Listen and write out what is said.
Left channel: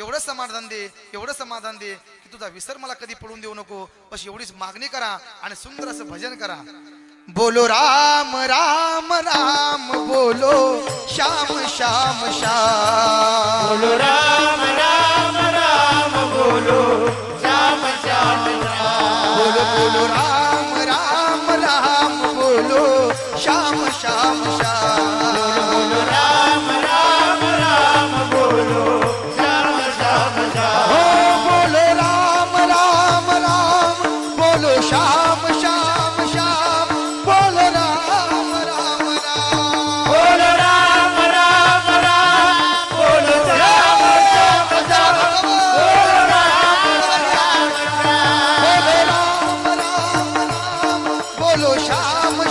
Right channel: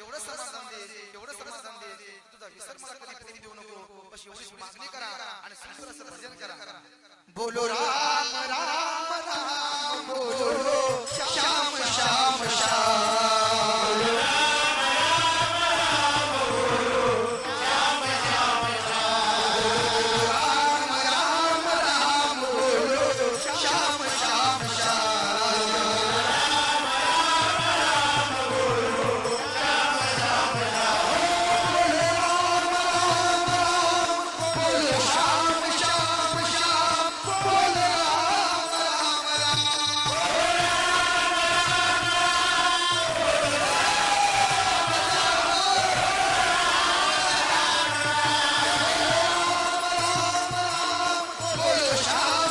एवड समाधान दे एवड समाधान दे तुझा विसर मला कधी पडून देऊ नको. बस एवढीच मागणी करा आणि सुंदर असं भजन करा. बोलो राम राम राम बोलो. श्याम श्याम श्याम बोलो राम Shah, Shah, Shah. 落沙。